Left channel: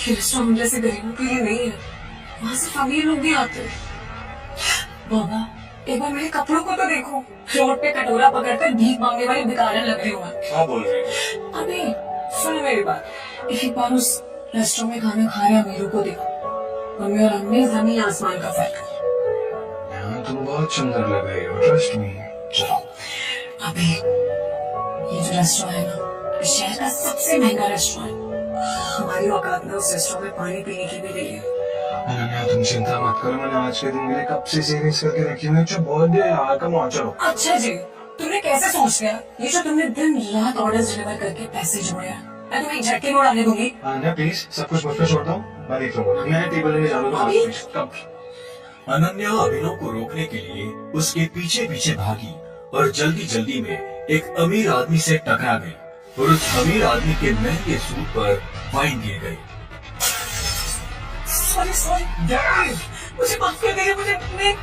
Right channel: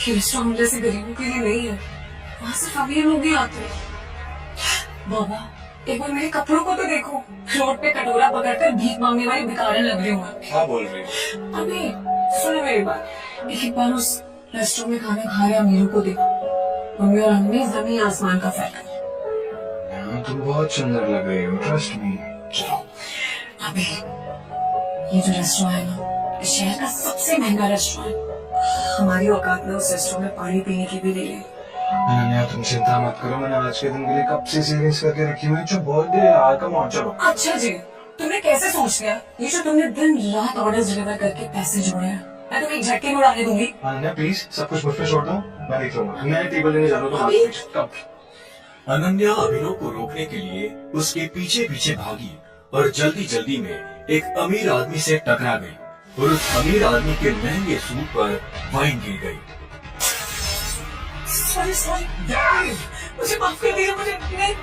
ये रेस्टोरेंट जैसे गरीबों के लिए नहीं है, वहाँ सिर्फ अमीर लोग ही आते हैं। बाबा, एक बार मेरे कपड़ों को तो देखो, रोड पे कटोरा पकड़कर भीख मांगने वाली भिखारन लग रही हूँ। क्या बोल रही है? अभी सुनो मेरी बात, एक बार उस रेस्टोरेंट में खाना खा रहे अमीरों को देखो, उनमें और हमें जमीन आसमान का फर्क है। तुम बहुत सुंदर लग रही हो, ट्रस्ट मी। चलो अभी ये जो रेस्टोरेंट है ना, शहर का सबसे महंगा रेस्टोरेंट, हमारी औकात में उस रेस्टोरेंट में पानी पीने की भी नहीं है। अनन्या तुम चिंता मत करो, मैंने आज के दिन के लिए कब से सेविंग्स करके रखी हुई है। जो बर्थडे यार, कम ऑन चलो। अच्छा जी, तुमने कैसे सोच लिया? ये जो तुमने दिन रात ऑर्डर्स डिलीवर करके पैसे जोड़े हैं, मैं तुम्हें एक झटके में उड़ाने दूंगी। अनन्या प्लीज सब कुछ मुझ पे छोड़ दो, मैं देख लूंगा। मैं टेबल लेने जा रहा हूँ, कब? अनन्या अभिनव को रोकने के लिए उसके पीछे पीछे भागी और जल्दी जल्दी में एक अमीर आदमी से टकरा गई और उस अमीर आदमी के महंगे सूट पर वाइन गिर गई। सॉरी मुझे माफ कर दीजिए, मुझे नहीं।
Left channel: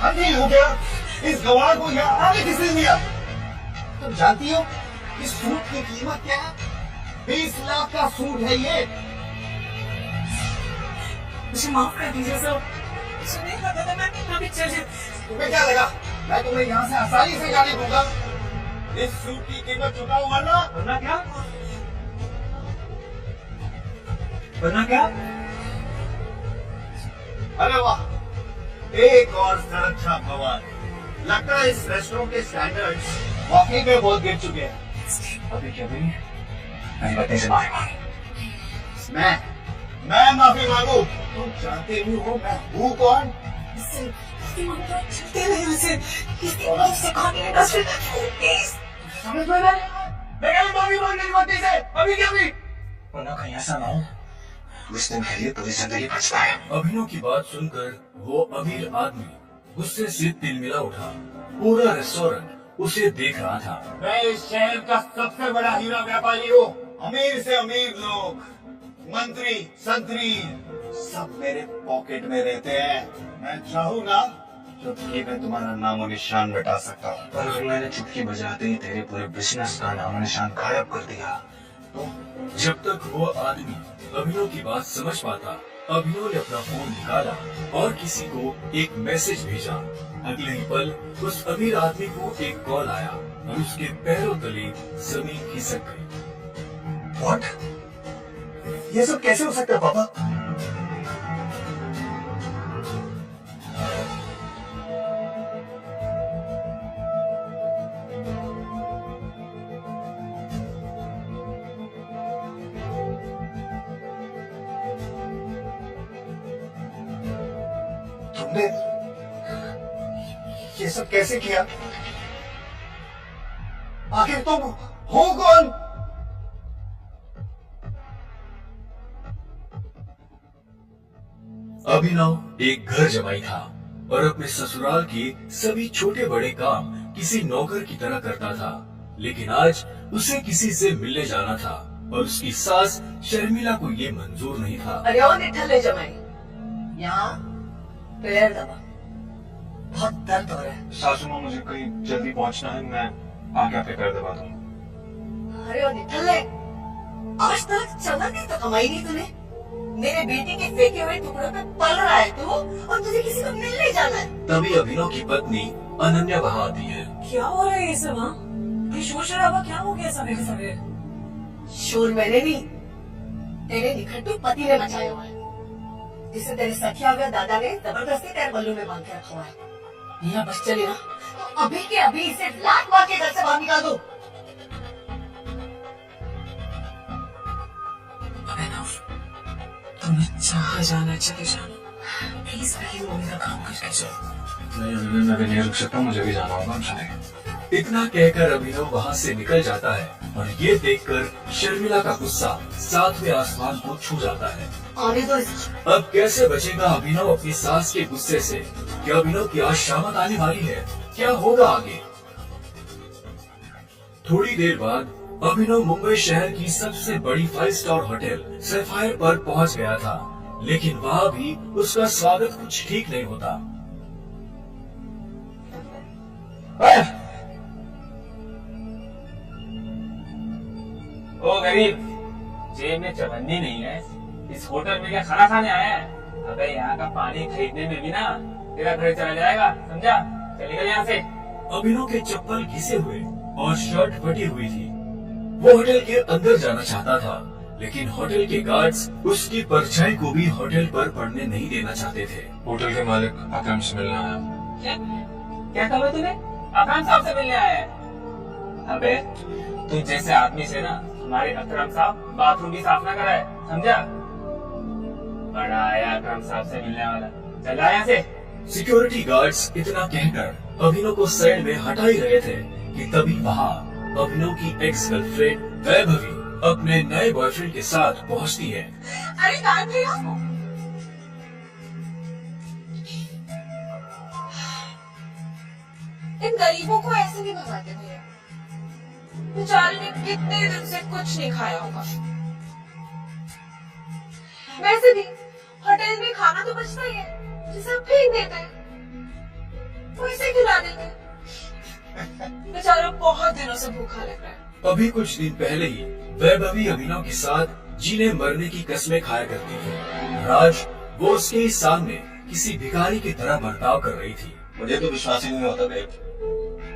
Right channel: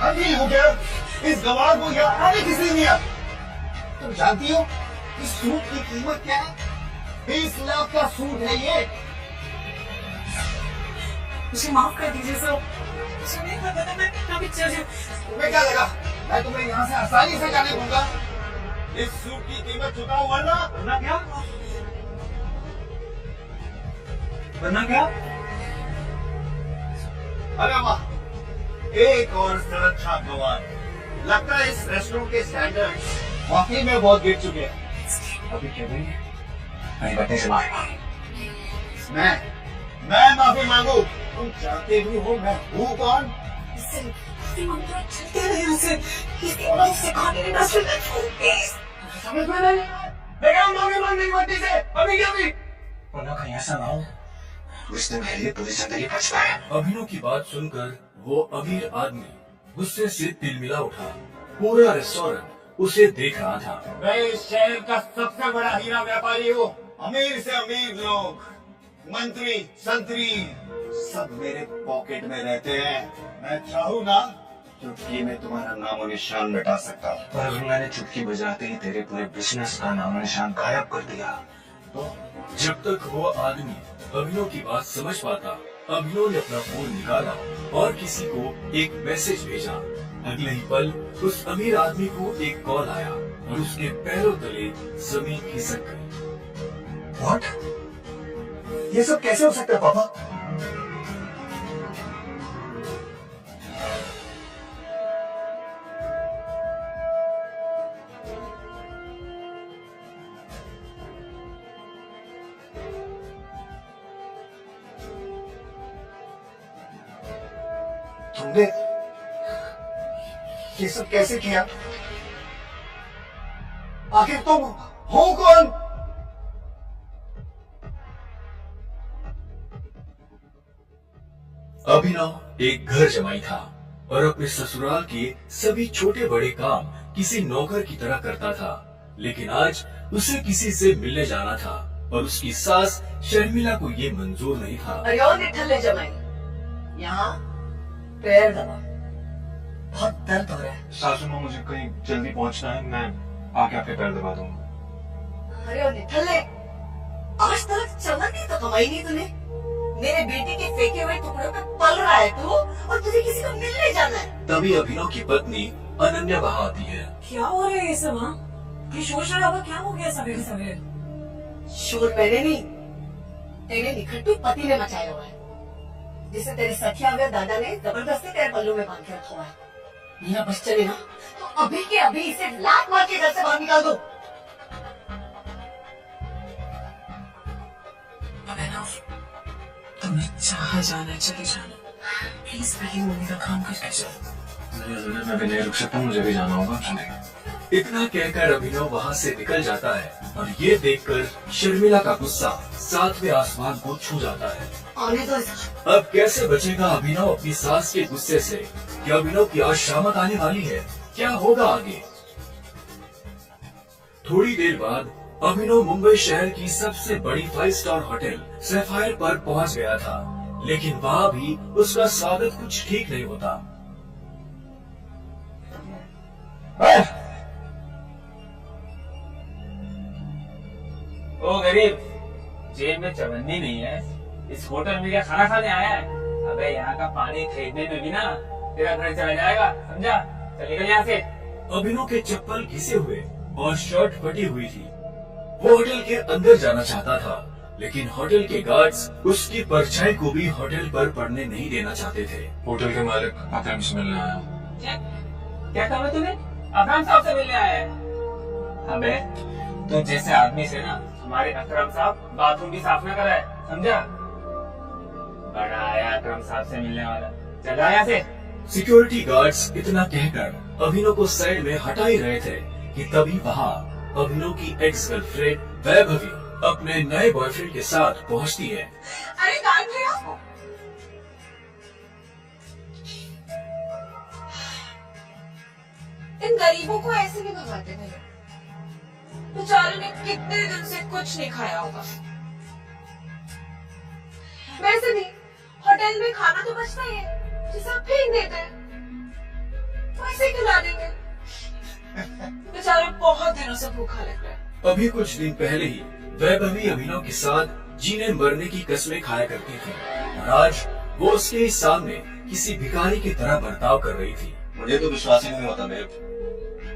अभी हो गया, इस गवार को यहाँ आने किसी ने दिया। तुम जानती हो इस सूट की कीमत क्या है? 20 लाख का सूट है ये। मुझे माफ कर दीजिए सर, मुझे नहीं पता था, मैं पिक्चर से। तुम्हें क्या लगा मैं तुम्हें यहाँ से आसानी से जाने दूंगा? इस सूट की कीमत चुकाओ वरना क्या? वरना क्या? अरे वाह, एक और सड़क था गवार। लगता है इस रेस्टोरेंट के स्टैंडर्ड्स वाकई में बहुत गिर चुके हैं। अभी क्या करेंगे? नहीं बातें से माफी मांगी। मैं माफी मांगू? तुम जानते भी हो मैं हूँ कौन? समझ में नहीं? मैं क्या माफी मांगने की मट्टी से? अभी क्या भी? वरना कहीं ऐसा ना हो उस दिन के लिए पूरी जिंदगी बच पाए। अभिनव की बात सुनकर वो अमीर आदमी गुस्से से तिलमिला उठा। पूरा रेस्टोरेंट उसे देख रहा था। मैं इस शहर का सबसे बड़ा हीरा व्यापारी हूँ। अमीर से अमीर लोग, मंत्री, संतरी, सब मेरे पॉकेट में रहते हैं। मैं चाहूँ ना तो ये मैं तुम्हारा नाम और निशान मिटा सकता हूँ। पर अगर मैंने चुटकी बजाते ही तेरे पूरे बिजनेस का नाम निशान गायब कर दिया तो? जब तक वो आदमी अभिनव की बात समझ पाता, अभिनव ने अपना फोन निकाला और किसी को एक मैसेज भेजा। अगले ही पल उस अमीर आदमी को एक कॉल आया और उसके पैरों तले जमीन खिसक गई। What? ये सब कैसे हो सकता है पापा? तुमने ये सब कैसे किया? आखिर तुम हो कौन? अभिनव एक घर जमाई था और अपने ससुराल के सभी छोटे बड़े काम किसी नौकर की तरह करता था। लेकिन आज उसे किसी से मिलने जाना था और उसकी सास शर्मिला को ये मंजूर नहीं था। अरे ओ निठल्ले जमाई, यहाँ पैर दबा, बहुत दर्द हो रहा है। सासू माँ मुझे कहीं जल्दी पहुंचना है, मैं आके आपके पैर दबा दूंगा। अरे ओ निठल्ले, आज तक चमन तो कमाई नहीं तूने। मेरे बेटे के फेंके हुए टुकड़ों पे पल रहा है तू और तुझे किसी को मिलने जाना है। तभी अभिनव की पत्नी अनन्या वहाँ आती है। क्या हो रहा है ये सब? हाँ, ये शोर शराबा क्या हो गया सवेरे सवेरे? शोर मैंने नहीं, तेरे निखट्टू पति ने मचाया हुआ है, जिसे तेरे सखिया हुए दादा ने जबरदस्ती तेरे पल्लू में बांध के रखा हुआ है। यहाँ बस चली ना तो अभी के अभी इसे लात मार के घर से बाहर निकाल दो। तुम्हें जहाँ जाना चले जाना, प्लीज पहले मम्मी का काम करके जाओ। मैं भी नहीं रुक सकता, मुझे भी जाना होगा। चलेंगे। इतना कहकर अभिनव वहाँ से निकल जाता है और ये देखकर शर्मिला का गुस्सा सातवें आसमान को छू जाता है। आने दो इसे। अब कैसे बचेगा अभिनव अपनी सास के गुस्से से? क्या अभिनव की आज शामत आने वाली है? क्या होगा आगे? थोड़ी देर बाद अभिनव मुंबई शहर की सबसे बड़ी 5 स्टार होटल सैफायर पर पहुंच गया था, लेकिन वहाँ भी उसका स्वागत कुछ ठीक नहीं होता। ओ गरीब, जेब में चवन्नी नहीं है, इस होटल में क्या खाना खाने आया है? अबे यहाँ का पानी खरीदने में भी ना तेरा घर चला जाएगा, समझा? चल निकल यहाँ से। अभिनव के चप्पल घिसे हुए और शर्ट फटी हुई थी। वो होटल के अंदर जाना चाहता था, लेकिन होटल के गार्ड्स उसकी परछाई को भी होटल पर पड़ने नहीं देना चाहते थे। होटल के मालिक अकरम से मिलने आया। क्या क्या कहा तूने? अकरम साहब से मिलने आया है? अबे तू जैसे आदमी से ना हमारे अकरम साहब बाथरूम भी साफ ना कराए, समझा? बड़ा आया अकरम साहब से मिलने वाला, चला यहाँ से। सिक्योरिटी गार्ड्स इतना कहकर अभिनव को साइड में हटा ही रहे थे कि तभी वहाँ अभिनव की एक्स गर्लफ्रेंड वैभवी अपने नए बॉयफ्रेंड के साथ पहुँचती है। अरे कहाँ थे आप? इन गरीबों को ऐसे भी भगाते थे। बेचारे ने कितने दिन से कुछ नहीं खाया होगा। वैसे भी होटल में खाना तो बचता ही है, जिसे आप फेंक देते हैं, वैसे खिला देंगे। बेचारे बहुत दिनों से भूखा लग रहा है। अभी कुछ दिन पहले ही वैभवी अभिनव के साथ जीने मरने की कस्में खाया करती थी। राज वो उसके ही सामने किसी भिखारी की तरह बर्ताव कर रही थी। मुझे तो विश्वास ही नहीं होता बेब,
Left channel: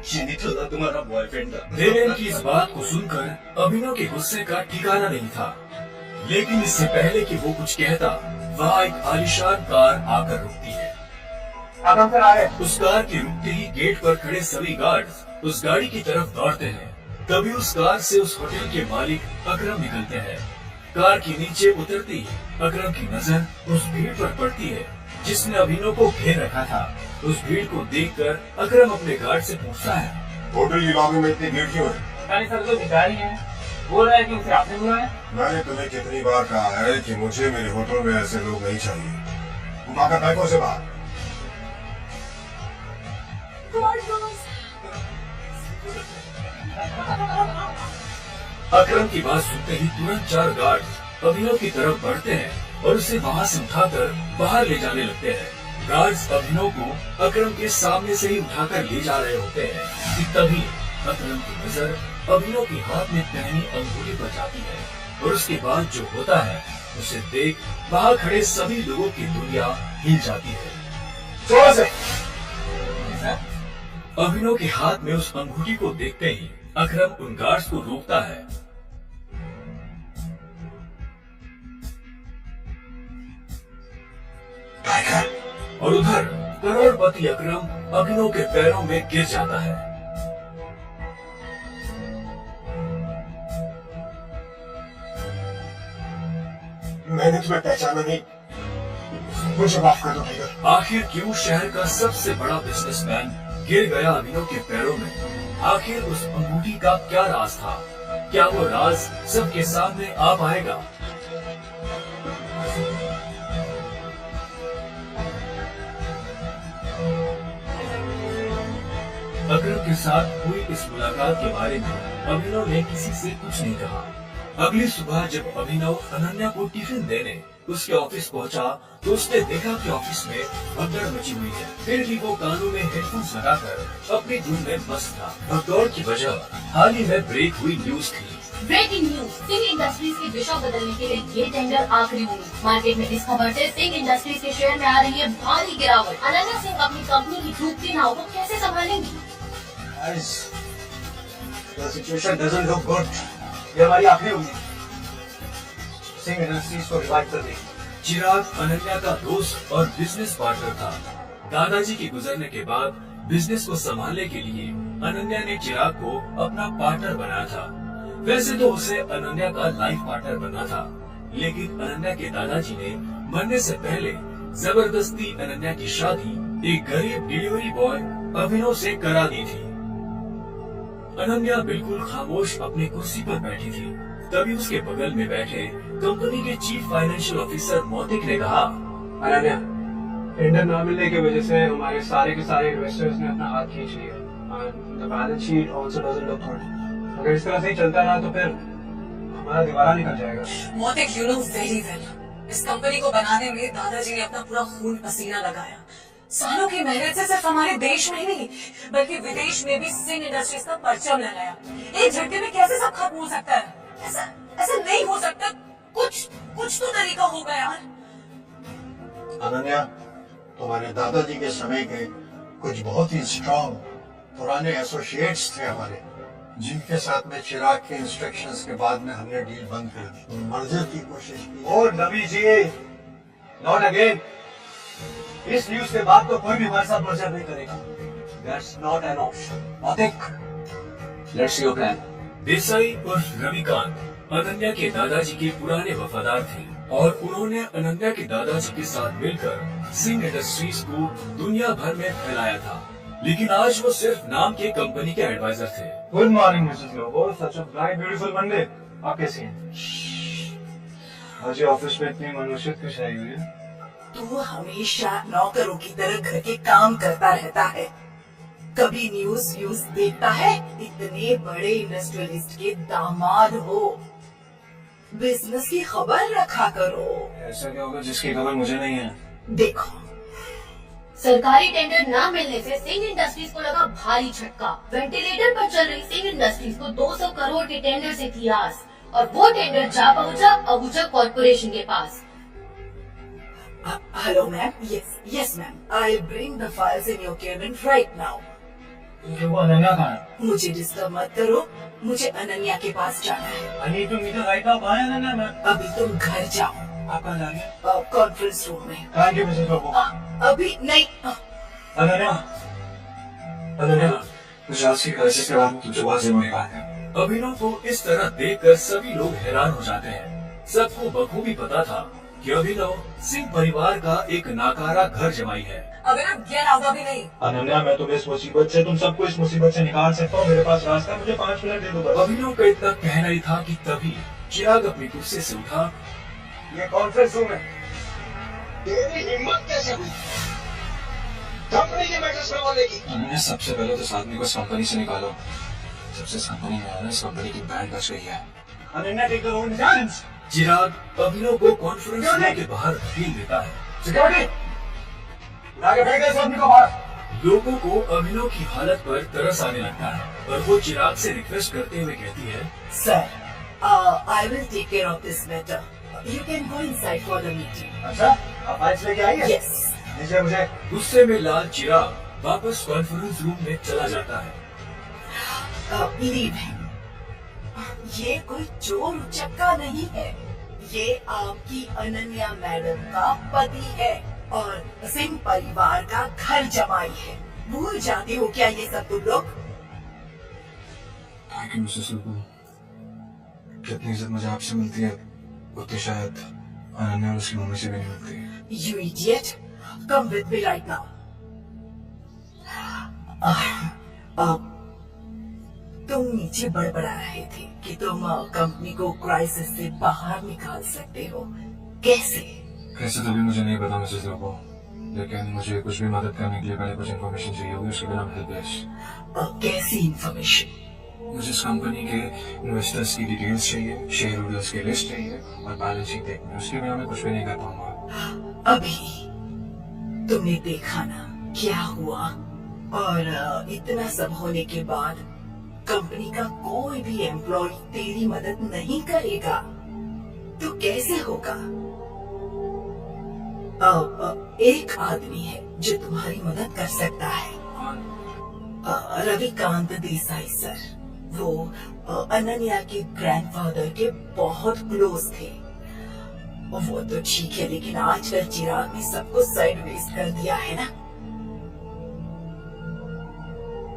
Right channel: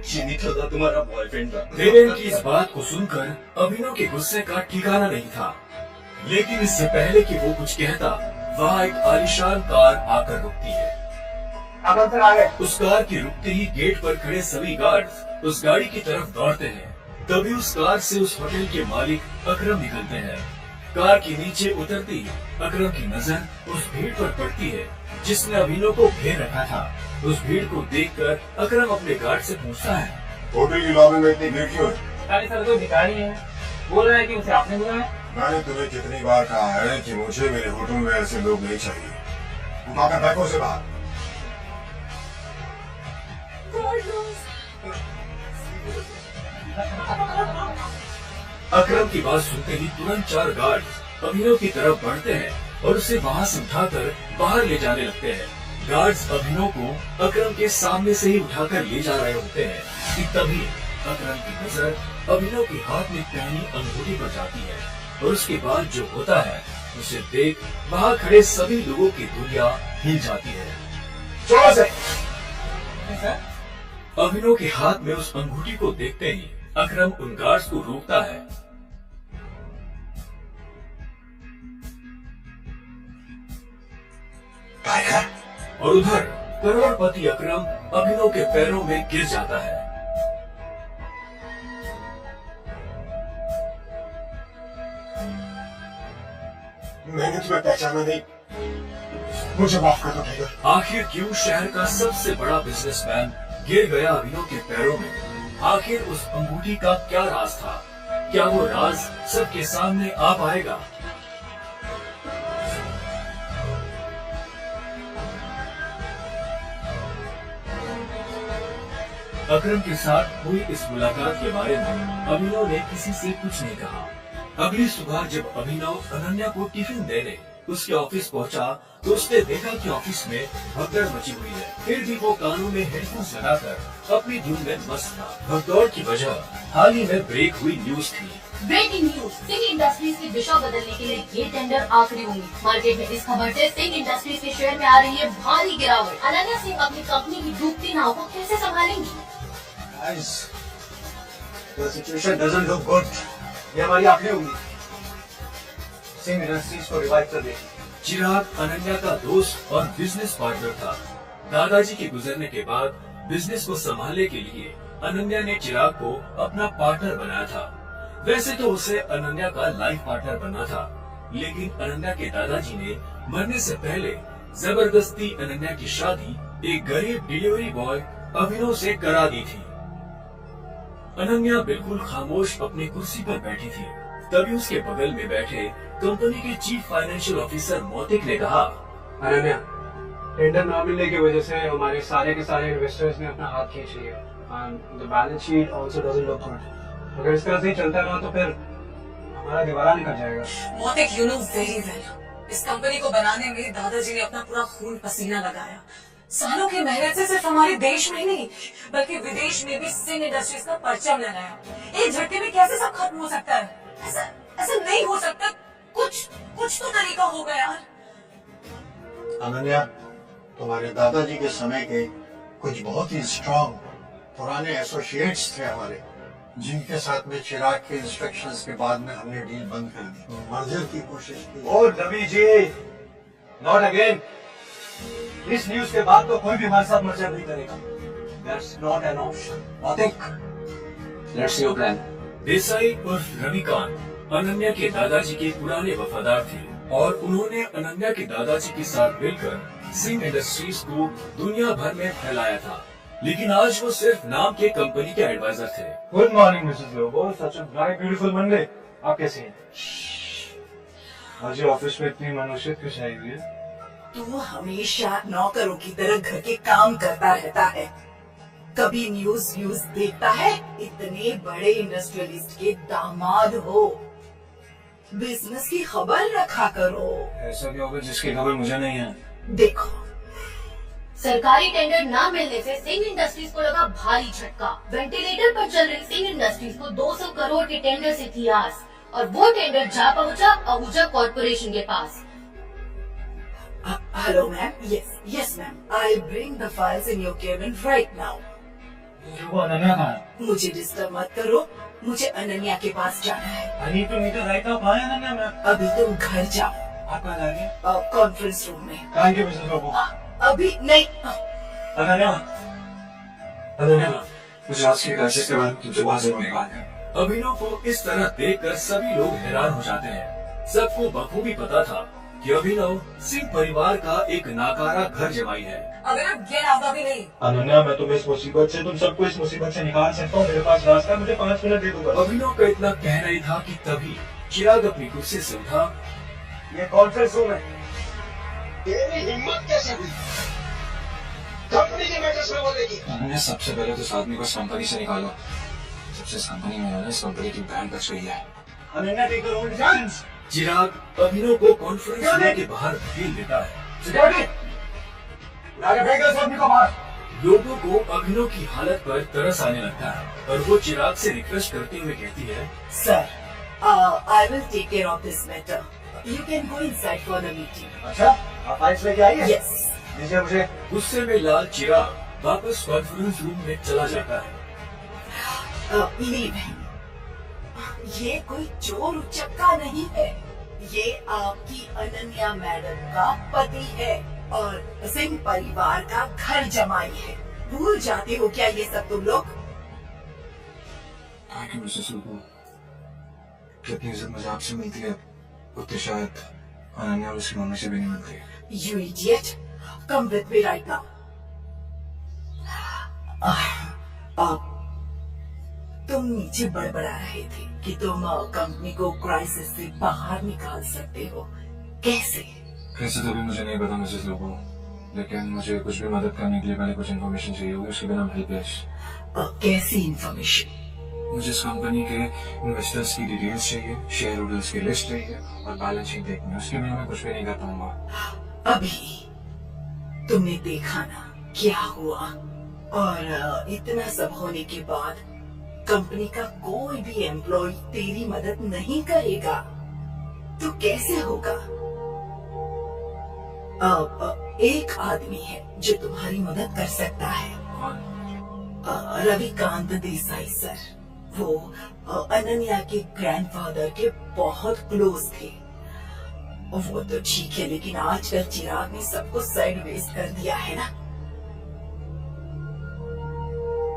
ये तो तुम्हारा बॉयफ्रेंड था। देवेन की इस बात को सुनकर अभिनव के गुस्से का ठिकाना नहीं था, लेकिन इससे पहले कि वो कुछ कहता, वहाँ एक आलीशान कार आकर रुकती है। अकरम सर आए। उस कार के रुकते ही गेट पर खड़े सभी गार्ड्स उस गाड़ी की तरफ दौड़ते हैं। तभी उस कार से उस होटल के मालिक अकरम निकलते हैं। कार के नीचे उतरती ही अकरम की नजर उस भीड़ पर पड़ती है जिसने अभिनव को घेर रखा था। उस भीड़ को देखकर अकरम अपने गार्ड से पूछता है, होटल की लॉबी में इतनी भीड़ क्यों है? भिखारी सर तो भिखारी है, बोल रहा है कि उसे आपने बुलाया। मैंने तुम्हें कितनी बार कहा है कि मुझे मेरे होटल में ऐसे लोग नहीं चाहिए। उठाकर फेंको से बाहर। अकरम की बात सुनते ही तुरंत 4 गार्ड्स अभिनव की तरफ बढ़ते हैं और उसे वहाँ से उठाकर बाहर ले जाने लगते हैं। गार्ड्स अभिनव को अकरम के सामने से ही उठाकर ले जा रहे होते हैं कि तभी अकरम की नजर अभिनव के हाथ में पहनी अंगूठी पर जाती है और उसके बाद जो होता है उसे देख वहाँ खड़े सभी लोगों की दुनिया हिल जाती है। जोर से। अभिनव के हाथ में उस अंगूठी को देखते ही अकरम उन गार्ड्स को रोकता है। टाइगर। और उधर करोड़पति अकरम अभिनव के पैरों में गिर जाता है। मैंने तुम्हें पहचाना नहीं, मुझे माफ कर दो टाइगर। आखिर क्यों शहर का सबसे बड़ा बिजनेसमैन गिर गया अभिनव के पैरों में? आखिर उस अंगूठी का क्या राज था? क्या वो राज सबके सामने आ पाएगा? अकरम के साथ हुई इस मुलाकात के बारे में अभिनव ने किसी से कुछ नहीं कहा। अगली सुबह जब अभिनव अनन्या को टिफिन देने उसके ऑफिस पहुंचा, तो उसने देखा कि ऑफिस में भगदड़ मची हुई है। फिर भी वो कानों में हेडफोन्स लगाकर अपनी धुन में मस्त था। भगदौड़ की वजह हाल ही में ब्रेक हुई न्यूज थी। ब्रेकिंग न्यूज, सिंह इंडस्ट्रीज की दिशा बदलने के लिए ये टेंडर आखिरी उम्मीद। मार्केट में इस खबर से सिंह इंडस्ट्रीज के शेयर में आ रही है भारी गिरावट। अनन्या सिंह अपनी कंपनी की डूबती नाव को कैसे संभालेंगी? Guys, the situation doesn't look good. ये हमारी आखिरी उम्मीद। सिंह इंडस्ट्रीज को रिवाइव कर दे। चिराग अनन्या का दोस्त और बिजनेस पार्टनर था। दादाजी के गुजरने के बाद बिजनेस को संभालने के लिए अनन्या ने चिराग को अपना पार्टनर बनाया था। वैसे तो उसे अनन्या का लाइफ पार्टनर बनना था, लेकिन अनन्या के दादाजी ने मरने से पहले जबरदस्ती अनन्या की शादी एक गरीब डिलीवरी बॉय अभिनव से करा दी थी। अनन्या बिल्कुल खामोश अपनी कुर्सी पर बैठी थी। तभी उसके बगल में बैठे कंपनी के चीफ फाइनेंशियल ऑफिसर मोतिक ने कहा, अनन्या, टेंडर न मिलने की वजह से हमारे सारे के सारे इन्वेस्टर्स ने अपना हाथ खींच लिया। The balance sheet also doesn't look good. अगर इस तरह से ही चलता रहा तो फिर हमारा दीवारा निकल जाएगा। मोतिक, यू नो वेरी वेल, इस कंपनी को बनाने में दादाजी ने अपना पूरा खून पसीना लगाया। सालों की मेहनत से सिर्फ हमारे देश में ही नहीं बल्कि विदेश में भी सिंह इंडस्ट्रीज का परचम लहराया। एक झटके में कैसे सब खत्म हो सकता है? ऐसा नहीं हो सकता। कुछ तो तरीका होगा यार। अनन्या, तुम्हारे दादाजी के समय के कुछ बहुत ही स्ट्रॉन्ग पुराने एसोसिएट्स थे हमारे, जिनके साथ में चिराग के इंस्ट्रक्शंस के बाद में हमने डील बंद कर दी, मर्जर की कोशिश की। और नबी जी, नॉट अगेन। इस न्यूज़ के बाद तो कोई भी हमारे साथ मर्जर नहीं करेगा। That's not an option. Nothing. Let's see your plan. Desai उर्फ रविकांत अनन्या के दादाजी के पुराने वफादार थे और उन्होंने अनन्या के दादाजी के साथ मिलकर सिंह इंडस्ट्रीज को दुनिया भर में फैलाया था, लेकिन आज वो सिर्फ नाम के कंपनी के एडवाइजर थे। Good morning Mrs Lobo, such a bright beautiful Monday. आप कैसी हैं? आज ये ऑफिस में इतनी मनुष्यत क्यों आई हुई है? तू हमेशा नौकरों की तरह घर के काम करता रहता है, कभी न्यूज देखता है। इतने बड़े इंडस्ट्रियलिस्ट के दामाद हो, बिजनेस की खबर रखा करो। ऐसा क्या होगा जिसकी खबर मुझे नहीं है? देखो, सरकारी टेंडर न मिलने से सिंह इंडस्ट्रीज को लगा भारी झटका। वेंटिलेटर पर चल रही सिंह इंडस्ट्रीज को 200 करोड़ के टेंडर से थी आस, और वो टेंडर जा पहुंचा आहूजा कॉर्पोरेशन के पास। Hello ma'am, yes ma'am, I bring the files in your cabin right now. वो अनन्या कहाँ है? मुझे डिस्टर्ब मत करो, मुझे अनन्या के पास जाना है। I need to meet her right now. कहाँ है अनन्या मैम? अभी तुम घर जाओ। आप कहाँ जा रही हैं? कॉन्फ्रेंस रूम में। Thank you, Mrs Lobo. अभी नहीं। अनन्या, मुझे आज की क्राइसिस के बाद में तुझे बहुत जरूरी बात है। अभिनव को इस तरह देखकर सभी लोग हैरान हो जाते हैं। सबको बखूबी पता था कि अभिनव सिंह परिवार का एक नाकारा घर जमाई है। अगर आप गैर आजा भी नहीं। अनन्या, मैं तुम्हें इस मुसीबत से, तुम सबको इस मुसीबत से निकाल सकता हूँ। मेरे पास रास्ता है, मुझे 5 मिनट दे दो बस। अभिनव का इतना कहना ही था कि तभी चिराग अपनी कुर्सी से उठा। ये कॉन्फ्रेंस रूम है। तेरी हिम्मत कैसे हुई कंपनी के मैटर्स में बोलेगी? अनन्या, सबसे पहले तो इस आदमी को इस कंपनी से निकालो। जब से इस कंपनी में आया, इस कंपनी की बैंड बच गई है। Ananya, take your own chance. Chirag Abhinav को कॉन्फ्रेंस रूम के बाहर ढील देता है। सिक्योरिटी, उठा के फेंको इस आदमी को बाहर। लोगों को अभिनव की हालत पर तरस आने लगता है और वो चिराग से रिक्वेस्ट करते हुए कहती है, sir, I will take care of this matter. You can go inside for the meeting. अच्छा, आप फाइल्स लेके आई हैं? यस। दीजिए मुझे। गुस्से में लाल चिराग वापस कॉन्फ्रेंस रूम में चला जाता है। Leave him. ये कोई चोर उचक्का नहीं है, ये आपकी अनन्या मैडम का पति है और सिंह परिवार का घर जमाई है। भूल जाते हो क्या ये सब तुम लोग? Thank you Mrs Lobo. जितनी इज्जत मुझे आपसे मिलती है, उतनी शायद अनन्या और उसकी मम्मी से भी नहीं मिलती। You idiot! Come with me right now. तुम नीचे बड़बड़ा रहे थे कि तुम कंपनी को क्राइसिस से बाहर निकाल सकते हो। कैसे? कैसे तो भी मुझे नहीं पता मिसेस लोबो, लेकिन मुझे कुछ भी मदद करने के लिए पहले कुछ इन्फॉर्मेशन चाहिए होगी, उसके बिना हेल्पलेस। कैसी इन्फॉर्मेशन? मुझे इस कंपनी के इन्वेस्टर्स की डिटेल्स चाहिए, शेयर होल्डर्स की लिस्ट चाहिए और बैलेंस शीट देखनी है। उसके बिना मैं कुछ भी नहीं कर पाऊंगा। अभी तुमने देखा ना क्या हुआ, और इतना सब होने के बाद कंपनी का कोई भी एम्प्लॉय तेरी मदद नहीं करेगा तो कैसे होगा? एक आदमी है जो तुम्हारी मदद कर सकता है, रविकांत देसाई सर। वो अनन्या के ग्रैंडफादर के बहुत क्लोज थे। वो तो ठीक है, लेकिन आजकल चिराग ने सबको साइडवेज कर दिया है ना।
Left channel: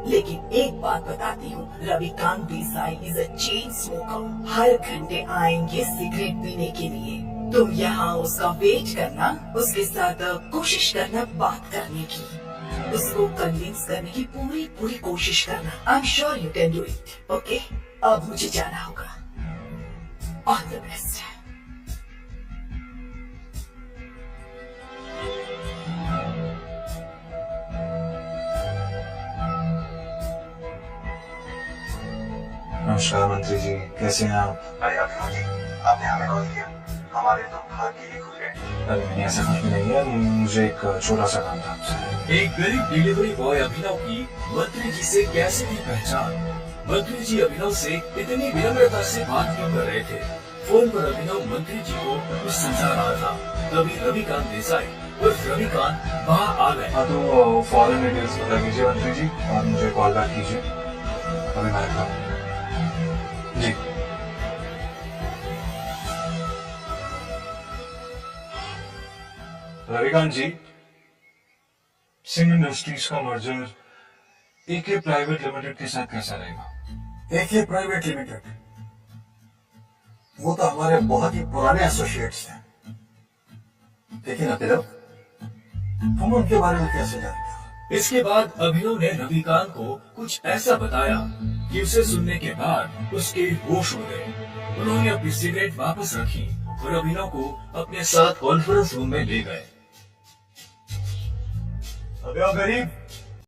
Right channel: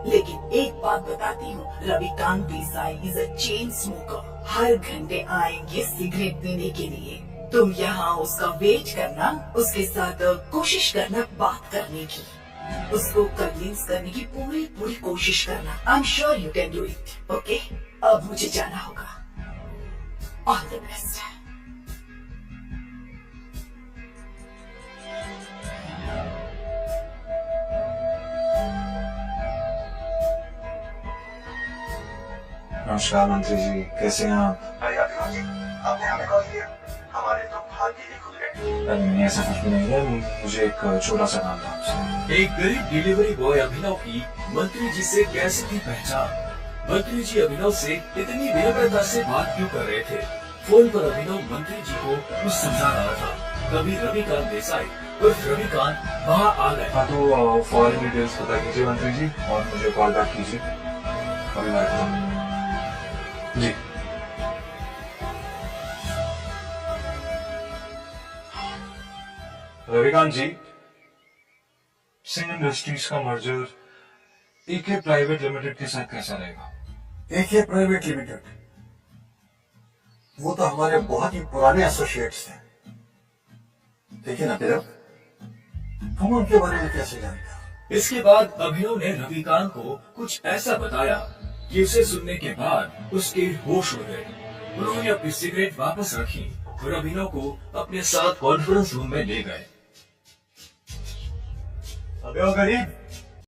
लेकिन एक बात बताती हूँ, Ravikant Desai is a chain smoker. हर घंटे आएंगे सिगरेट पीने के लिए। तुम यहाँ उसका वेट करना, उसके साथ कोशिश करना बात करने की, उसको कन्विंस करने की पूरी कोशिश करना। I am sure you can do it. Okay, अब मुझे जाना होगा। All the best. नमस्कार मंत्री जी, कैसे हैं आप? आपने हमें कॉल किया, हमारे तो भाग्य ही खुले। अरे मैंने ऐसा कुछ भी नहीं किया, मुझे एक छोटा सा काम था आपसे। एक गरीब डिलीवरी बॉय अभिनव की मंत्री जी से कैसे थी पहचान? मंत्री जी अभिनव से इतनी विनम्रता से बात क्यों कर रहे थे? फोन पर अभिनव मंत्री जी को कुछ समझा रहा था। तभी रविकांत देसाई उर्फ रविकांत वहां आ गए। हाँ तो फॉरन डिटेल्स बता दीजिए मंत्री जी और मुझे कॉल बैक कीजिए। अभी मैं आता हूँ जी। रविकांत जी, सिंह इंडस्ट्रीज का मर्जर एके प्राइवेट लिमिटेड के साथ कैसा रहेगा? एके प्राइवेट लिमिटेड, वो तो हमारे बहुत ही पुराने एसोसिएट्स हैं। देखिए ना तेरा, तुम उनके बारे में कैसे जानेगा? इसके बाद अभिनव ने रविकांत को कुछ ऐसा बताया कि उसे सुनने के बाद उसके होश उड़ गए। उन्होंने अपनी सिगरेट वापस रखी और अभिनव को अपने साथ कॉन्फ्रेंस रूम में ले गए। अबे ओ गरीब,